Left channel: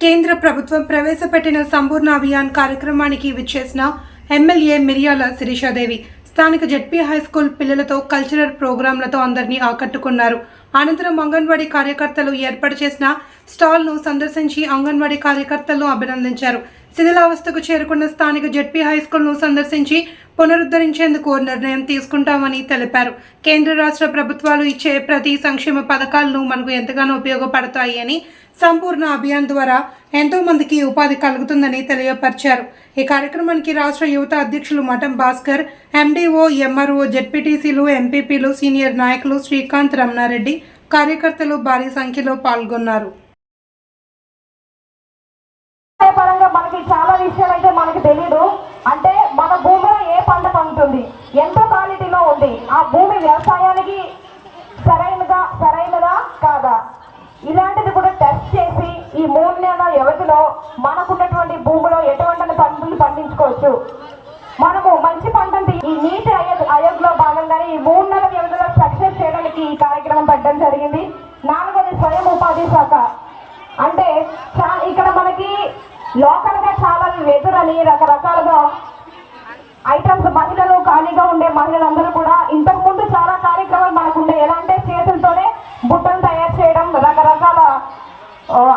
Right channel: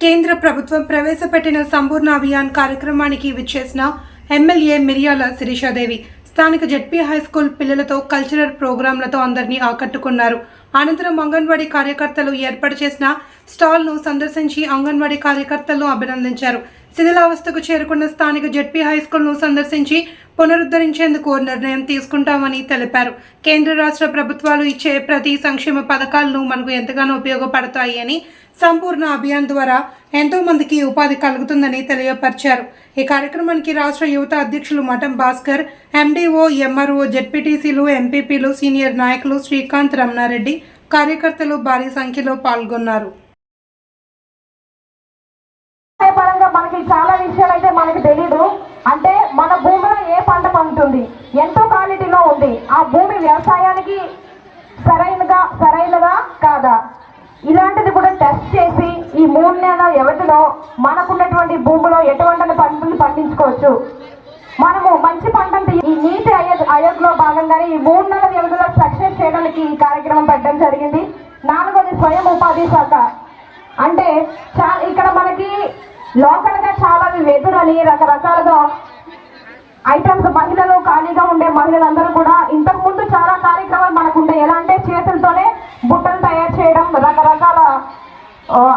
కేంద్ర ప్రభుత్వం ప్రవేశపెట్టిన సంపూర్ణ అభియాన్ కార్యక్రమానికి విచ్చేసిన ఎమ్మెల్యే మిరియాల శిరీషాదేవి స్థానిక జెడ్పీ హై స్కూల్ పిల్లలతో కల్చరల్ ప్రోగ్రాంలతో అందరినీ ఆకట్టుకున్నారు. అనంతరం అంగన్వాడీ కార్యకర్తలు ఏర్పాటు చేసిన స్టాల్ను సందర్శించి అంగన్వాడీ కార్యకర్తలను అభినందించారు. శిథిలావస్థకు చేరుకున్న స్థానిక జెడ్పీ హై స్కూల్ను సందర్శించి పునరుద్ధరించేందుకు నిర్ణయం తీసుకుంటామని తెలిపారు. కేంద్ర రాష్ట్ర ప్రభుత్వాలు ఇచ్చే ప్రతి సంక్షేమ పథకాలను మనకు ఎంతగానో ఉపయోగపడతాయి అని సంపూర్ణ అభియాన్ ద్వారా ఎంతో మందికి ఉపాధి కలుగుతుందని తెలియపరిచారు. ఈ కార్యక్రమానికి రాష్ట్ర యువత అధ్యక్షులు మఠం భాస్కర్ ఎండీఓ ఎంఆర్ఓ జెడ్పీటీసీలు ఎంపీపీలు సీనియర్ నాయకులు శ్రీకాంత్ రమణారెడ్డి కార్యకర్తలు భారీ సంఖ్యలో పాల్గొన్నారు. మనకి చాలా విషయాలు అయితే మనకి తెలీదు. అంటే మన భూమిలో ఏ పంట పండుతుంది? ఎంతో క్వాలిటీలో ఉంది? ఆ భూమి వ్యవసాయానికి సరైనగా సరైనదా కాదా? ఇలాంటిది కూడా టెస్ట్ చేసి ఈ మూడు నెలల వ్యవధిలో మనకున్నటువంటి భూమిలో ఎటువంటి పంటలు పండించుకోవచ్చు? మనము మంచి పంటను ఈ నీటి అయోధ్యలో భాగంగానే ఈ మూడు నెలల వ్యవధిలో సక్సెస్ చేయడానికి ఈ కార్యక్రమం పెట్టడం జరిగింది. నాలుగోది స్వయం ఉపాధి శాఖ. అంటే ఇక్కడ మనకి లోకల్ వెదురని రకరకాలుగా ఐటమ్స్ మహిళలు ఖాళీగా ఉండే మహిళలందరూ కూడా ఇంతకు ముందు చాలా కార్యక్రమాలు మనకు ఉండే. ఎలా అంటే చేతులతోనే బుట్టలు తయారు చేయడం రకరకాల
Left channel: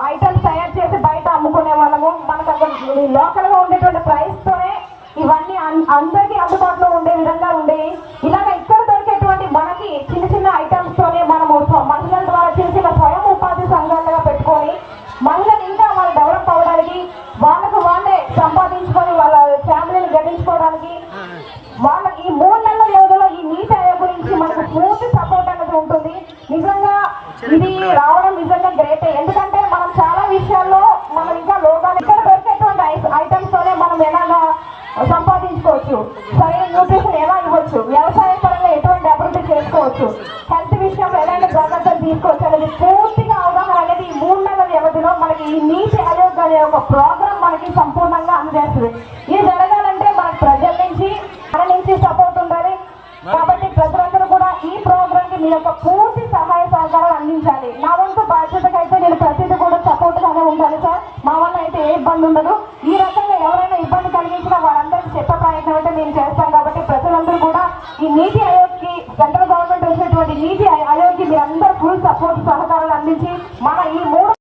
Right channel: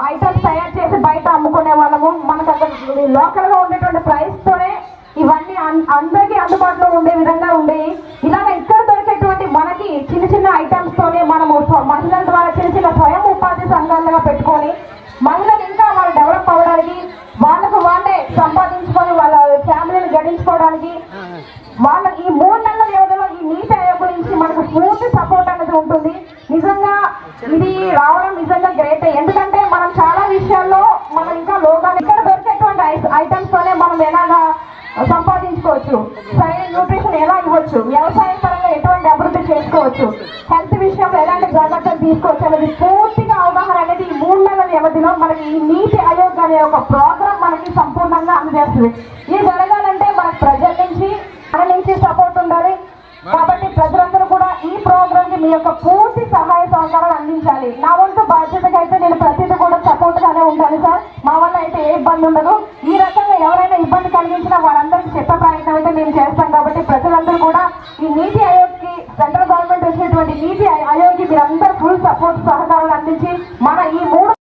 ఐటమ్స్ తయారు చేసి బయట అమ్ముకునే వాళ్ళము. మనకు అక్కడ లోకల్గా ఉండేటువంటి ప్రైస్ తోనే ఇవన్నీ అన్- అందరికీ అందుబాటులో ఉండే విధంగా ఉండేవి ఇలాగ ఇక్కడ దొరికేటువంటి మనకి చిన్న చిన్న ఐటమ్స్ తోనే మనము స్వ- మహిళల ద్వారా చేసిన స్వయం ఉపాధి సంఘాలుగా పెట్టుకొని మహిళలు ఇంకా వాళ్ళు డెవలప్ అవ్వడానికి వాళ్ళకు వాళ్ళే సంపాదించుకొని వాళ్ళ ఫ్యామిలీని గడించుకోవడానికి వాళ్ళ ఈ మూడు నెలల వ్యవధిలో ఈ నీతి ఆయోగ్ గురించి మనకు పూర్తి సపోర్ట్ అనేది ఉంటుంది నిజంగా ఇది రావడం నిజంగా గ్రేట్ ఎందుకంటే మనం చాలా విషయాల్లో మనం ఇంకా లోకాన్ని ఇక్కడ దొరికేటువంటి ఐటమ్స్ తోనే మనం ఎలా సంపాదించుకోవచ్చు. సరైన న్యూట్రిషన్ ఎలా ఇవ్వచ్చు? వ్యవసాయ పరంగా ఎటువంటి అభివృద్ధి చేసుకోవచ్చు? హెల్త్ విషయంలో ఎలాంటి జాగ్రత్తలు తీసుకోవచ్చు అనేది పూర్తిగా అవగాహన అనేది ఈ మూడు నెలల వ్యవధిలో మనకి ఈ నీతి ఆయోగ్ అనే ఒక ప్రోగ్రామ్ మనకి సంపూర్ణంగా అందజేస్తుంది. ఇది జరగాలంటే మనకు ప్రజల నుంచి మన నుంచి సపోర్ట్ ఉండాలి. కాబట్టి ప్రజలందరూ కూడా ఈ ప్రోగ్రామ్కి మీ యొక్క పూర్తి సహాయ సహకారాలు అందించాలి. నా వంతు బాధ్యతగా అయితే నేను ప్రతిదీ కూడా సపోర్ట్గానే ఉంటాను సార్. మా వల్ల అయితే ఏ ఇబ్బంది ఉండదు. ఈ రకంగా ఎవరైనా ఇబ్బంది కలిగించినా వారందరికీ చెప్పే ప్రయత్నం అయితే నేను చేస్తాను కాబట్టి ప్రజలందరూ కూడా ఈ నీతి ఆయోగ్కి సెంట్రల్ గవర్నమెంట్ వచ్చినటువంటి నీతి ఆయోగ్కి మీరందరూ ఫుల్ సపోర్ట్ సహకారాలు అందించి